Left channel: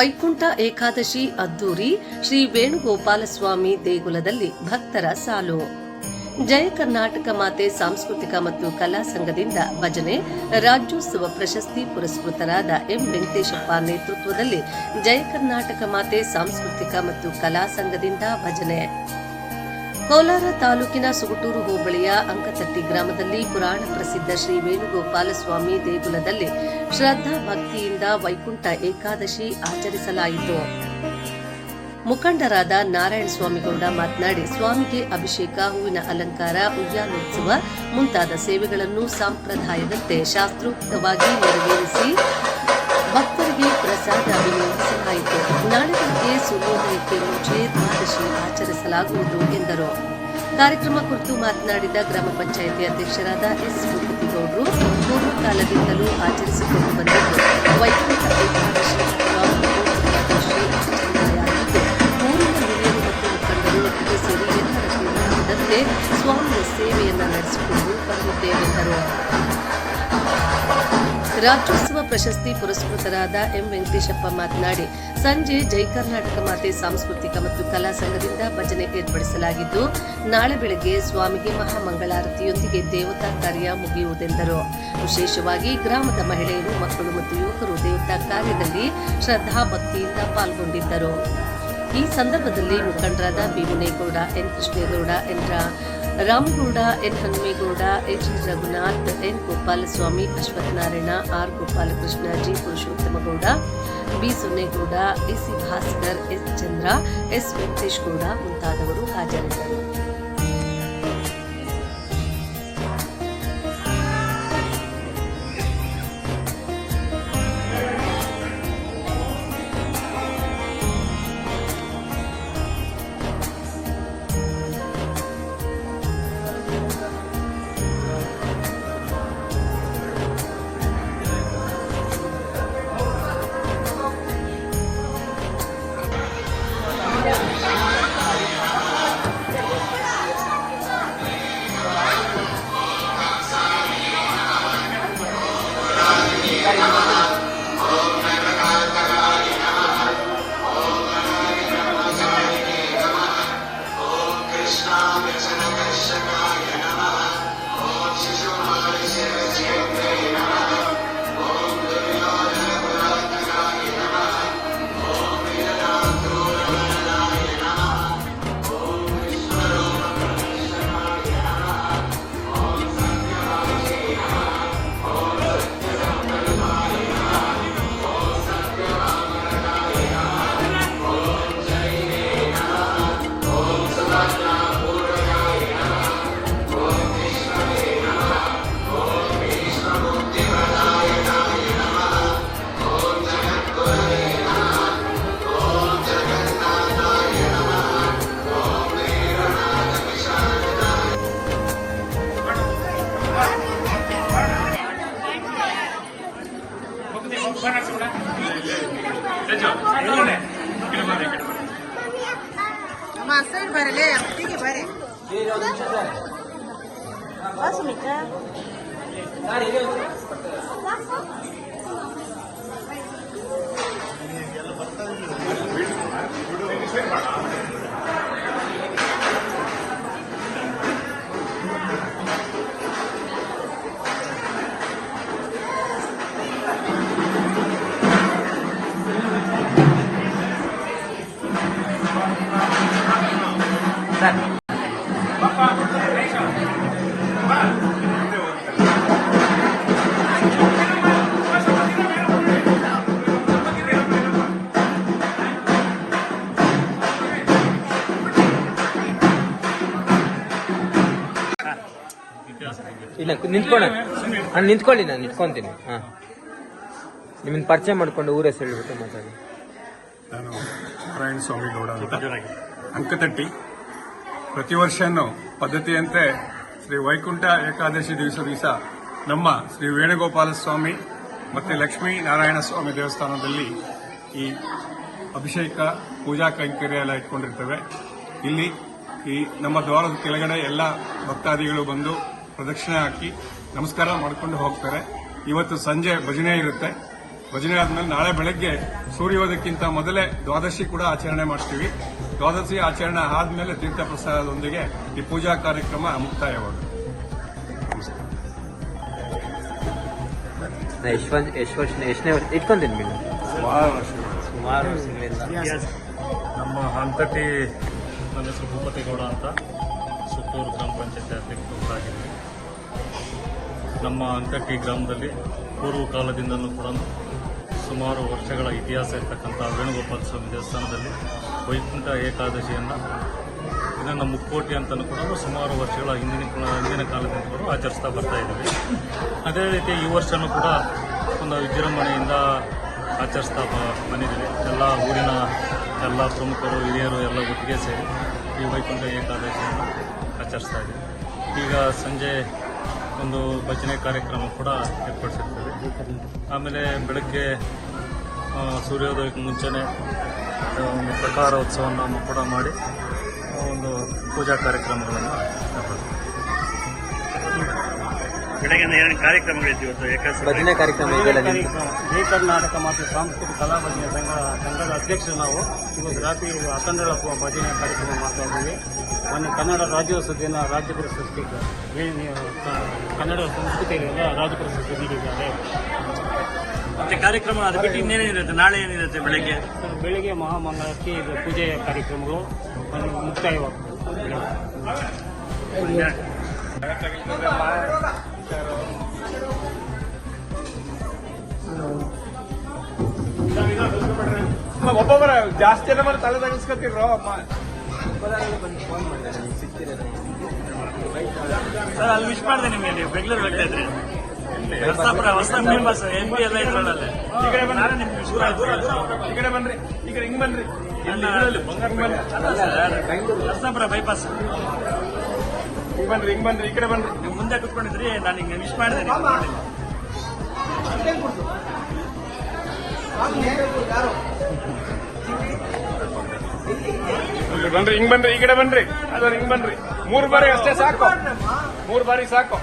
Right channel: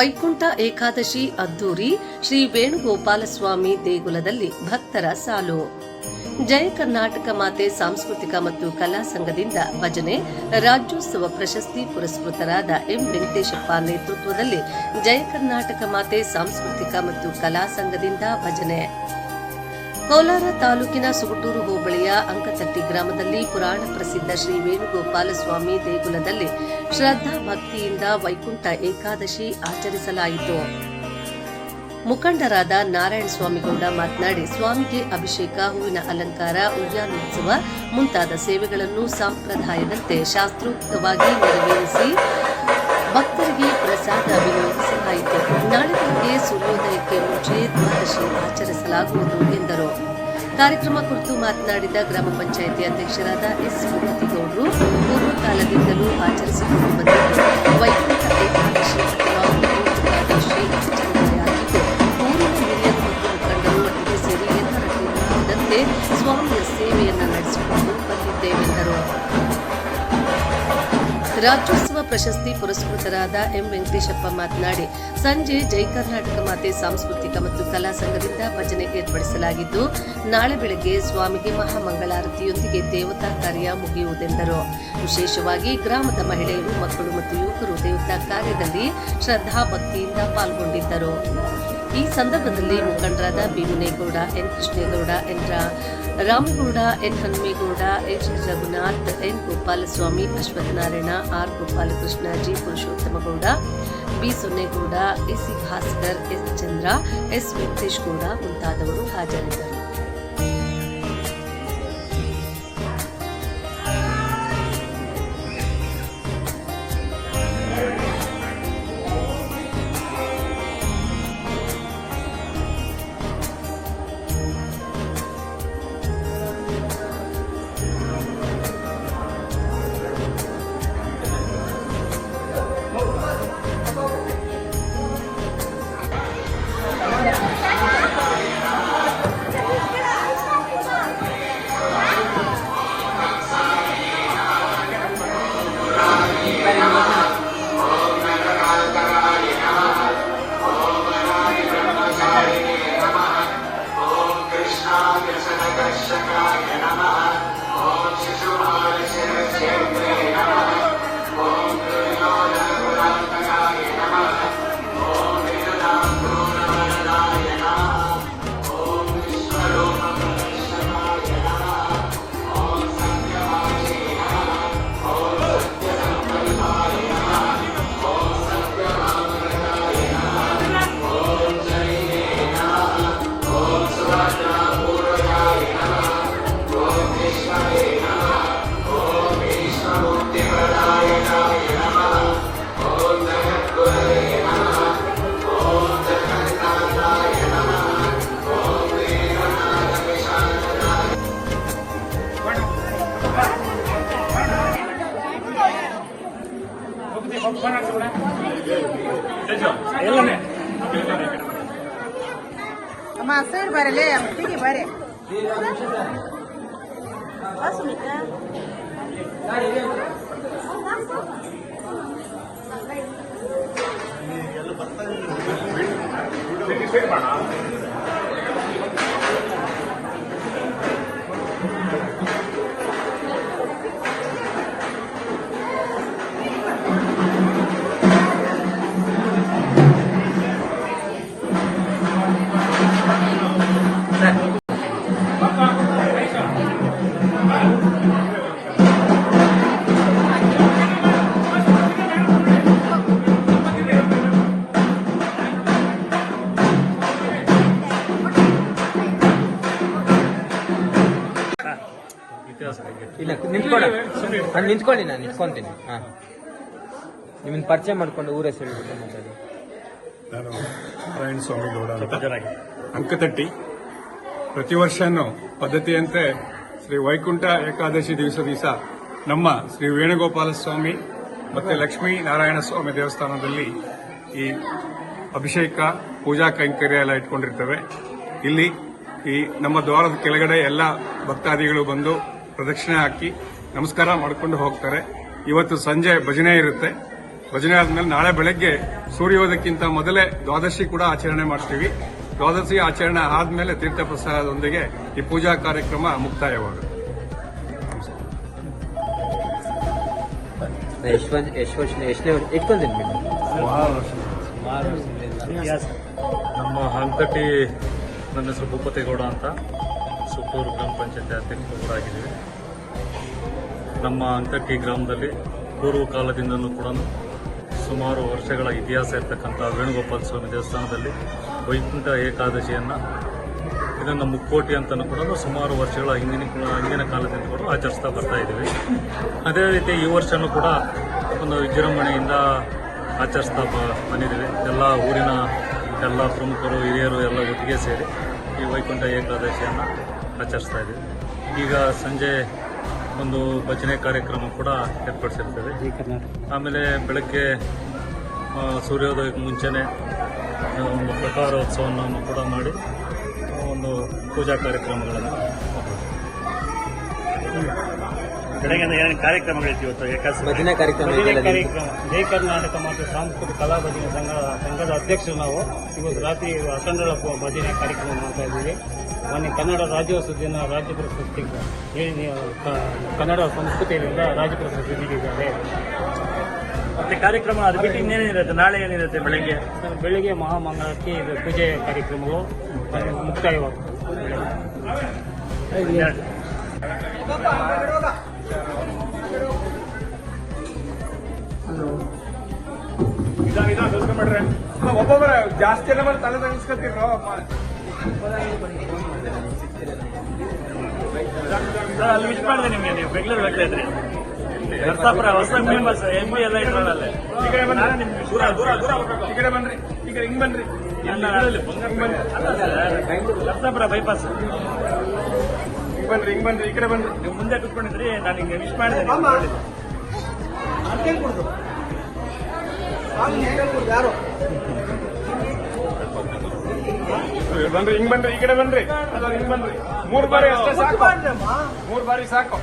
ವೈಕುಂಠ ಏಕಾದಶಿ ಅದ್ದೂರಿ ಶ್ರೀ ವೇಣುಗೋಪಾಲಸ್ವಾಮಿ ದೇಗುಲದಲ್ಲಿ ಭಕ್ತರ ಸಾಲು. ಜಯ ಕರ್ನಾಟಕ ಮಾತೆ ಸಾಂಸ್ಕೃತಿಕ ಮತ್ತು ಕಲಾ ಸಂಘದಿಂದ ಭಜನೆ, ರಾಜ್ಯೋತ್ಸವ ಪ್ರಶಸ್ತಿ ಪುರಸ್ಕೃತರಾದ ಎಂ ವೆಂಕಟೇಶಪ್ಪ ನೇತೃತ್ವದಲ್ಲಿ ಜಯ ಕರ್ನಾಟಕ ಮಾತೆ ಸಾಂಸ್ಕೃತಿಕ ಮತ್ತು ಕಲಾ ಸಂಘದಿಂದ ಭಜನೆ. ಕೋಲಾರ ತಾಲೂಕಿನ ಸುಗಟೂರು ಹೋಬಳಿಯ ಅಂಕತಟ್ಟಿ ಗ್ರಾಮದಲ್ಲಿ ಪುರಾಣ ಪ್ರಸಿದ್ಧ ಶ್ರೀ ವೇಣುಗೋಪಾಲಸ್ವಾಮಿ ದೇಗುಲದಲ್ಲಿ ಶ್ರದ್ಧಾ ಭಕ್ತಿಯಿಂದ ವೈಕುಂಠ ಏಕಾದಶಿ ಆಚರಿಸಲಾಯಿತು. ಮುಖಂಡರಾದ ನಾರಾಯಣ ಸ್ವಾಮಿಗೌಡ ಮಾತನಾಡಿ, ಸ್ವಾಮಿಗೆ ಅಭಿಷೇಕ, ಹೂವಿನ ಅಲಂಕಾರ, ಉಯ್ಯಾಲೋತ್ಸವ ಮುಂತಾದ ಸೇವೆಗಳನ್ನು ಸಂಪ್ರದಾಯದಂತೆ ಶಾಸ್ತ್ರೋಕ್ತವಾಗಿ ನೆರವೇರಿಸಿ ಭಕ್ತರಿಗೆ ಪ್ರಸಾದ ವಿನಿಯೋಗಿಸಲಾಯಿತು. ನಾಳೆ ಬೆಳಗ್ಗೆ ಸೂರ್ಯೋದಯಕ್ಕೆ ಮುಂಚೆ ದ್ವಾದಶಿ ಆಚರಿಸಲಾಗುವುದು ಎಂದರು. ಕಾರ್ಯಕ್ರಮ ಕುರಿತು ಮಾತನಾಡಿದ ಗ್ರಾಮ ಪಂಚಾಯಿತಿ ಅಧ್ಯಕ್ಷರಾದ ಎಸ್ ಭೂಪತಿಗೌಡರು, ಪೂರ್ವಕಾಲದಿಂದಲೂ ಆಚರಿಸಿಕೊಂಡು ಬಂದಿದ್ದು ವೈಕುಂಠ ಏಕಾದಶಿ ಅಥವಾ ಏಕಾದಶಿ ಆಚರಣೆಯಾಗಿದ್ದು ಊರಿನ ಹಿರಿಯರು ಮತ್ತು ಮುಖಂಡರು ಒಟ್ಟಿಗೆ ಸೇರಿ ಎಲ್ಲರ ತೀರ್ಮಾನದಂತೆ ಸ್ವಾಮಿಯ ಸೇವೆಯನ್ನು ನಡೆಸಿಕೊಂಡು ಬಂದಿದ್ದೇವೆಂದರು. ರಾಜ್ಯೋತ್ಸವ ಪ್ರಶಸ್ತಿ ಪುರಸ್ಕೃತರಾದ ಎಂ ವೆಂಕಟೇಶಪ್ಪ ಮಾತನಾಡಿ, ಸಂಜೆ ಜೈ ಕರ್ನಾಟಕ ಮಾತೆ ಸಾಂಸ್ಕೃತಿಕ ಮತ್ತು ಕಲಾ ಸಂಘದಿಂದ ಭಜನೆ ಏರ್ಪಡಿಸಲಾಗಿದ್ದು ನಾಳೆ ಬೆಳಗ್ಗೆ ಸ್ವಾಮಿಗೆ ಮಹಾಮಂಗಳಾರತಿಯೊಂದಿಗೆ ದೇವತಾ ಕಾರ್ಯ ಮುಗಿಯುವುದೆಂದರು. ವಿಶೇಷವಾಗಿ ಗ್ರಾಮದ ಮಹಿಳೆಯರು, ಮಕ್ಕಳು ಮತ್ತು ಯುವಕರು ದೇವತಾ ಕಾರ್ಯದಲ್ಲಿ ಶ್ರದ್ಧಾ ಭಕ್ತಿಯಿಂದ ಪಾಲ್ಗೊಂಡಿದ್ದರು. ಈ ಸಂದರ್ಭದಲ್ಲಿ ಮುಖಂಡರಾದ B Munegowda, N Krishnegowda, N Ramegowda, N Hanumegowda, H Raghunath, N Gopalaswamy, Ashwathanarayana, R Gopalakrishna, G Purushottamagowda, B Sonnegowda, AC Bhaskar, S Chandra, S Venkatesh Gowda ಮುಂತಾದವರು ಹಾಜರಿದ್ದರು. ಇಲ್ಲ ನಿಂತ್ಕೊಳ್ಳಿ, ನಾನು ನಿಂತ್ಕೊಳ್ಳಿ, ನಾನು ನಿಂತ್ಕೊಂತೀನಿ. ನಿಮ್ಮನ್ನು ಪರಿಚಯ ಮಾಡಿಕೊಂಡು ಊರ ಹೆಸರು ಹೇಳ್ಬಿಟ್ಟು. ನಾನು ನಾರಾಯಣ ಸ್ವಾಮಿಗೌಡ ಅಂತ, ಅಂಕತಟ್ಟಿ. ಪ್ರತಿ ವರ್ಷನೂ ಪದ್ಧತಿಯಂತೆ ಶ್ರೀ ವೈಕುಂಠ ಏಕಾದಶಿ ದಿವಸ ನಮ್ಮ ಶ್ರೀ ವೇಣುಗೋಪಾಲ ಸ್ವಾಮಿ ಮತ್ತು ಲಕ್ಷ್ಮೀ ನಾರಾಯಣ ಸ್ವಾಮಿ ದೇವಸ್ಥಾನದಲ್ಲಿ ಈ ಅಭಿಷೇಕ ಪೂಜಾ ಕೈಂಕರ್ಯ ಎಲ್ಲ ಇಟ್ಕೊಂಡಿರ್ತೇವೆ. ಇಲ್ಲಿ ಈ ನಮ್ಮ ದ್ವಾರದ ಕೆಳಗಡೆ ಎಲ್ಲ ಭಕ್ತಾದಿಗಳು ಬಂದು ಪ್ರದಕ್ಷಿಣೆ ಹಾಕಿ ನಮಸ್ಕಾರ ಮಾಡಿಕೊಂಡು ಹೋಗ್ತಾರೆ. ಇವತ್ತು ಸಂಜೆ ಭಜನೆ ಇರುತ್ತೆ. ಭಜನೆ ಆದ್ಮೇಲೆ ನಾಳೆ ಬೆಳಗ್ಗೆ ಸೂರ್ಯೋದಯಕ್ಕಿಂತ ಮೊದಲೇ ದ್ವಾದಶಿ ಕೂಡ ಆಚರಣೆ ಮಾಡ್ತೀವಿ. ದ್ವಾದಶಿ ಆಚರಣೆ ಆದ್ಮೇಲೆ ತೀರ್ಥ ಪ್ರಸಾದದೊಂದಿಗೆ ಈ ಪೂಜಾ ಕಾರ್ಯಕ್ರಮ ಮುಕ್ತಾಯವಾಗುತ್ತೆ. ಎಷ್ಟನೇ ಇಟ್ಕೊಂತೀನಿ ಮೇಡಮ್. ನಮ್ಮ ಹಂತಟ್ಟಿ, ನನ್ನ ಹೆಸರು ಭೂಪತೇಗೌಡ ಅಂತ, ಸುತ್ತೂರು ಗ್ರಾಮ ಪಂಚಾಯತ್ ಅಧ್ಯಕ್ಷರಾಗಿದ್ದೀವಿ. ನಮ್ಮ ಹಂತಟ್ಟಿ ಗ್ರಾಮದಲ್ಲಿ ಪೂರ್ವ ಕಾಲದಿಂದಲೂ ಕೂಡ ಸುಮಾರು ವರ್ಷಗಳ ಇತಿಹಾಸ ಇರ್ತಕ್ಕಂಥ ವೇಣುಗೋಪಾಲ ಸ್ವಾಮಿ ದೇವಸ್ಥಾನದಲ್ಲಿ ವೈಕುಂಠ ಏಕಾದಶಿಯನ್ನು ಇದನ್ನು ಮುಕ್ಕೋಟಿ ಅಂತಲೂ ಕೂಡ ಸುಮಾರು ವರ್ಷಗಳ ಹಿಂದಿನ ಕಾಲದಿಂದ ಕೂಡ ಆಚರಿಸ್ತಾ ಬರ್ತಾ ಇದ್ದೀವಿ. ಅದೇ ರೀತಿ ಈ ವರ್ಷವೂ ಕೂಡ ಒಂದು ವಿಜೃಂಭಣೆಯಿಂದ ಆಚರಿಸ್ತಾ ಬಂದಿದ್ದೀವಿ. ಎಲ್ಲ ಊರಿನ ಎಲ್ಲ ಪ್ರಮುಖರು, ಹಿರಿಯರು ಎಲ್ಲ ಒಟ್ಟಿಗೆ ಸೇರಿ ಈ ವೈಕುಂಠ ಏಕಾದಶಿಯನ್ನು ಆಚರಿಸ್ತಾ ಇದ್ದೀವಿ. ಈಗ ಸಂಜೆ ಒಂದು ಭಜನೆ ಕಾರ್ಯಕ್ರಮ ಕೂಡ ಏರ್ಪಡಿಸಿರ್ತೇವೆ. ಆಮೇಲೆ ಬೆಳಗ್ಗೆ ಸೂರ್ಯೋದಯಕ್ಕೆ ಮುಂಚೆನೇ ಒಂದು ಪ್ರಕಾರೋತ್ಸವವನ್ನು ಕೂಡ ಮಾಡಿ ಒಂದು ಪೂಜಾ ಕಾರ್ಯಕ್ರಮಗಳನ್ನು ಏರ್ಪಡಿಸ್ತೀವಿ. ಬೆಳಗ್ಗೆ ಏನೇನು ಕಾರ್ಯಕ್ರಮಗಳಿತ್ತು ಇವತ್ತು? ಏಕಾದಶಿ ಭಜನೆ ಕಾರ್ಯಕ್ರಮ ಜೈ ಕರ್ನಾಟಕ ಮತ್ತು ಸಾಂಸ್ಕೃತಿಕ ಕಲಾ ಭಜನೆ ಸಂಘದ ಅಧ್ಯಕ್ಷರು ನಾವು. ಇವತ್ತು ರಾತ್ರಿ ಅಖಂಡ ಭಜನೆ ಕಾರ್ಯಕ್ರಮ ಮಾಡ್ತಾ ಇದ್ದೀವಿ. ಮೊನ್ನೆ ಕನ್ನಡ ರಾಜ್ಯೋತ್ಸವ ದಿನ ರಾಜ್ಯ ಪ್ರಶಸ್ತಿ ಕನ್ನಡ ಸಂಸ್ಕೃತಿಯಿಂದ ರಾಜ್ಯ ಪ್ರಶಸ್ತಿ ನೀಡಿದ್ದಾರೆ. ಮತ್ತೆ ಕಾರ್ಯಕ್ರಮ ಅದು ಬಿಟ್ಟು ಇನ್ನೇನಿರುತ್ತೆ? ನಾಳೆ ಏನಿರುತ್ತೆ? ಬೆಳಗ್ಗೆ ಬೆಳಿಗ್ಗೆ ಮಹಾಮಂಗಳಾರತಿ ಪೂಜೆ ಕಾರ್ಯಕ್ರಮಗಳು ಮುಕ್ತಾಯವಾಗ್ತದೆ. ಒಬ್ಬೊಬ್ಬರ ಜಾಸ್ತಿ ಜನ ತಲೆ ತಗಿಸ್ಕೊತಿದ್ರು. ಅಲ್ಲಿ ಮಿಸ್ ಮಾಡಿದೆ ನಿಮಗೆ. ನೀವು ಬೆಂಗಳೂರು ಬರ್ತಾ ಇದ್ರಿ, ನರಸಾಪುರ ಹೊಸ ಫೇಮಸ್ MP ಎಲ್ಲ ಇದ್ರೊಳಗೆ. ನಾನು ನಿಮ್ಗೆ ಮಿಸ್ ಮಾಡಿದ್ರಿ. ಈ ಕಡೆ ಬನ್ರಿ, ಈ ಕಡೆ ಹಿಂಗ್ ಬನ್ರಿ. ನರಸಾಪುರ ಬೈಪಾಸ್ ಹಿಂಗ್ ಬನ್ರಿ, ಹಿಂಗ್ ಬನ್ರಿ, ಈ ಕಡೆ ಬನ್ರಿ. ನೀವು ಮುಂದೆ ಕುತ್ಕೊಂಡಿದ್ರಿ, ನಾನು ನಿಮ್ಗೆ ಮಿಸ್ ಮಾಡಿದೆ, ನೀವು ನೋಡಿಲ್ಲ. ಬನ್ರಿ, ಹಿಂಗ್ ಬನ್ರಿ, ಈ ಕಡೆ ಬನ್ರಿ, ಹಿಂಗ್ ಬನ್ರಿ. 3 ಬಾರಿ ಅಷ್ಟೇ ಸಾಕು, 3 ಬಾರಿ ಸಾಕು.